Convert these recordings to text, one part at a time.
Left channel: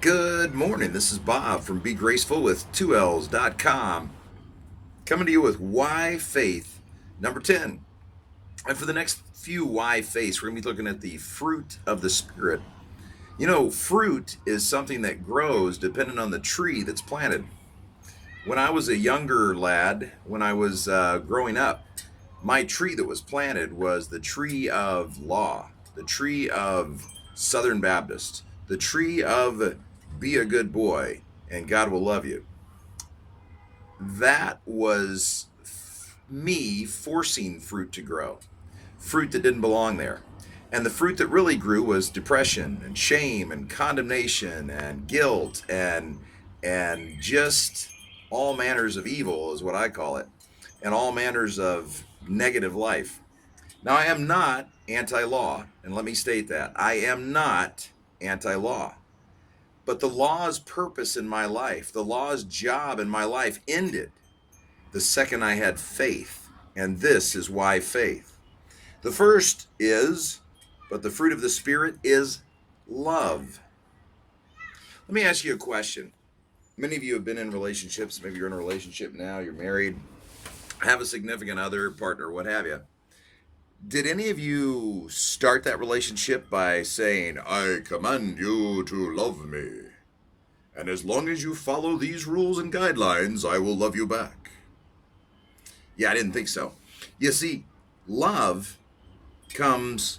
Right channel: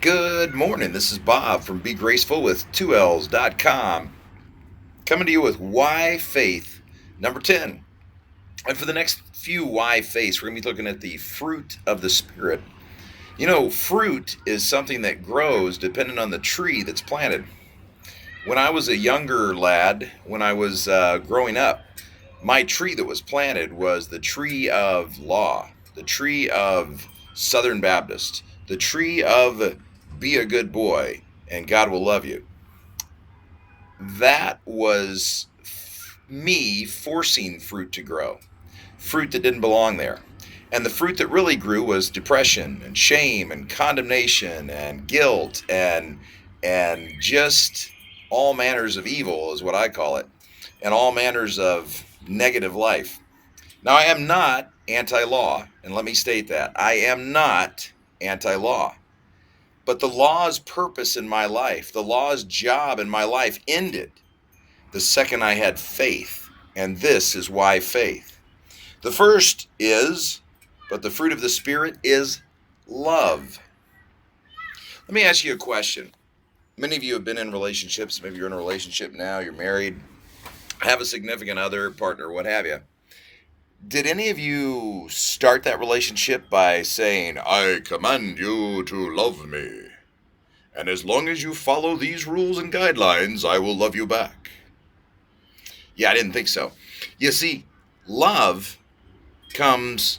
Good morning. This is Bob from Be Graceful with 2Ls.com, coming to you with Why Faith number 10. And for the next few Why Faiths, we're going to be looking at the fruit of the Spirit. You know, fruit is something that grows depending on the tree that's planted. When I was a younger lad, when I was growing up, my tree that was planted was the tree of law, the tree of Southern Baptist, the tree of be a good boy and God will love you. That was me forcing fruit to grow, fruit that didn't belong there. And the fruit that really grew was depression and shame and condemnation and guilt and just all manners of evil is what I call it, and all manners of negative life. Now, I am not anti law, and let me state that. I am not anti law. But the law's purpose in my life, the law's job in my life ended the second I had faith. And this is why faith. The first is, but the fruit of the Spirit is love. Let me ask you a question. Many of you have been in relationships. Maybe you're in a relationship now, you're married, have a significant other, partner, what have you. Did any of you start that relationship by saying, I command you to love me, and as long as you follow these rules and guidelines, I will love you back? Yeah, I didn't think so. You see, love comes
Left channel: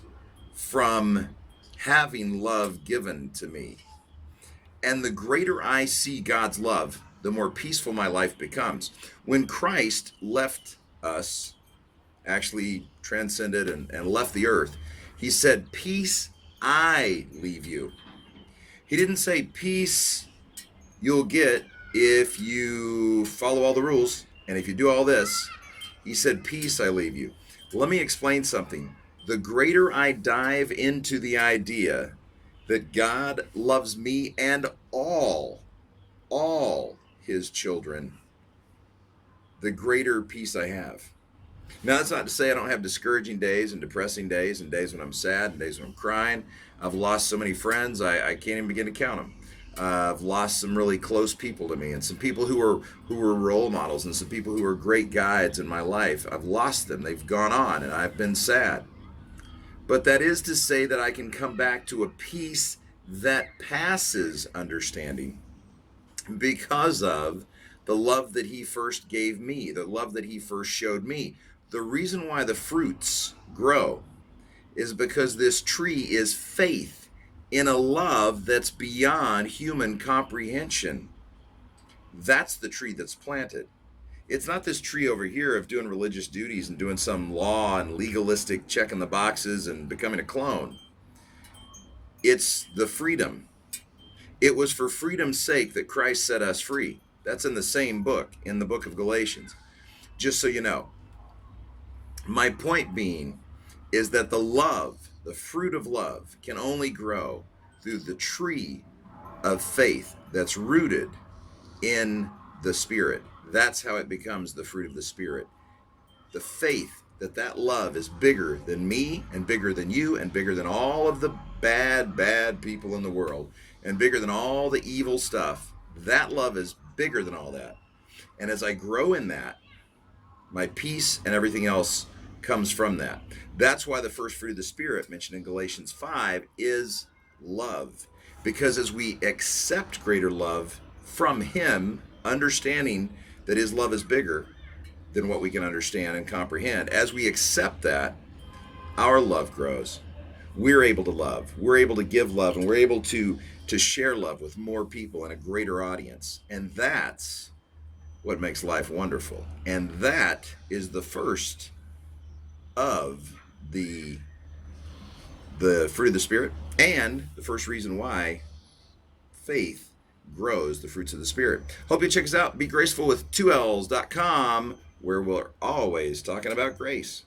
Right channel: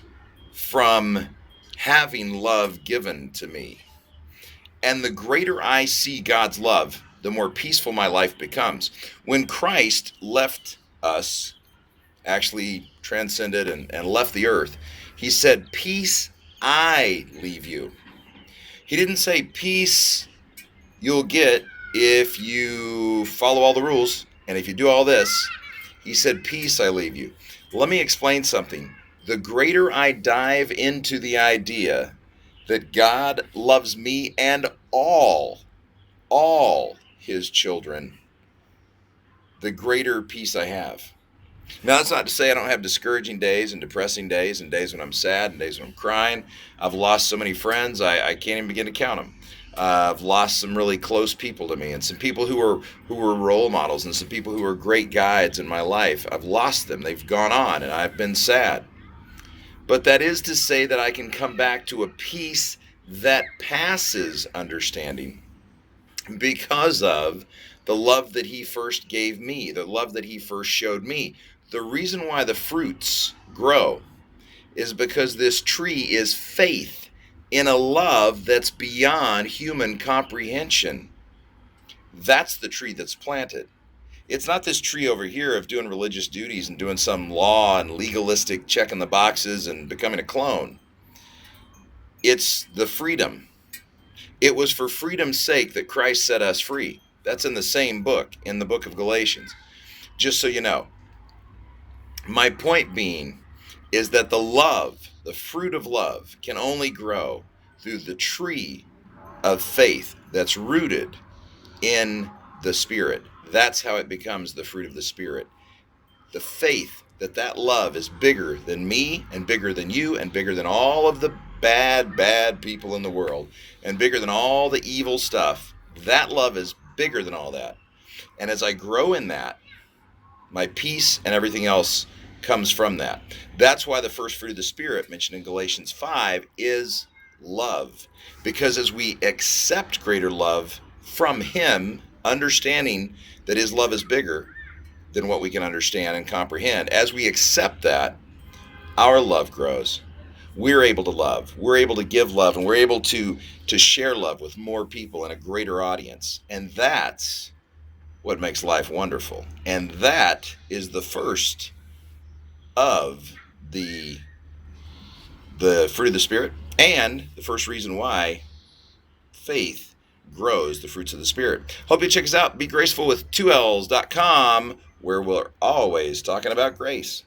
from having love given to me. And the greater I see God's love, the more peaceful my life becomes. When Christ left us, actually transcended and left the earth, he said, peace I leave you. He didn't say peace you'll get if you follow all the rules and if you do all this. He said, peace I leave you. Let me explain something. The greater I dive into the idea that God loves me and all his children, the greater peace I have. Now, that's not to say I don't have discouraging days and depressing days and days when I'm sad and days when I'm crying. I've lost so many friends, I can't even begin to count them. I've lost some really close people to me and some people who were role models and some people who were great guides in my life. I've lost them. They've gone on and I've been sad. But that is to say that I can come back to a peace that passes understanding because of the love that he first gave me, the love that he first showed me. The reason why the fruits grow is because this tree is faith in a love that's beyond human comprehension. That's the tree that's planted. It's not this tree over here of doing religious duties and doing some law and legalistic checking the boxes and becoming a clone. It's the freedom. It was for freedom's sake that Christ set us free. That's in the same book, in the book of Galatians. Just so you know. My point being is that the love, the fruit of love, can only grow through the tree of faith that's rooted in the Spirit. That's how it becomes the fruit of the Spirit. The faith that love is bigger than me and bigger than you and bigger than all of the bad people in the world and bigger than all the evil stuff. That love is bigger than all that. And as I grow in that, my peace and everything else comes from that. That's why the first fruit of the Spirit mentioned in Galatians 5 is love. Because as we accept greater love from him, understanding that his love is bigger than what we can understand and comprehend, as we accept that, our love grows. We're able to love. We're able to give love, and we're able to share love with more people and a greater audience. And that's what makes life wonderful. And that is the first of the fruit of the Spirit, and the first reason why faith grows the fruits of the Spirit. Hope you check us out. Be graceful with 2Ls.com, where we're always talking about grace.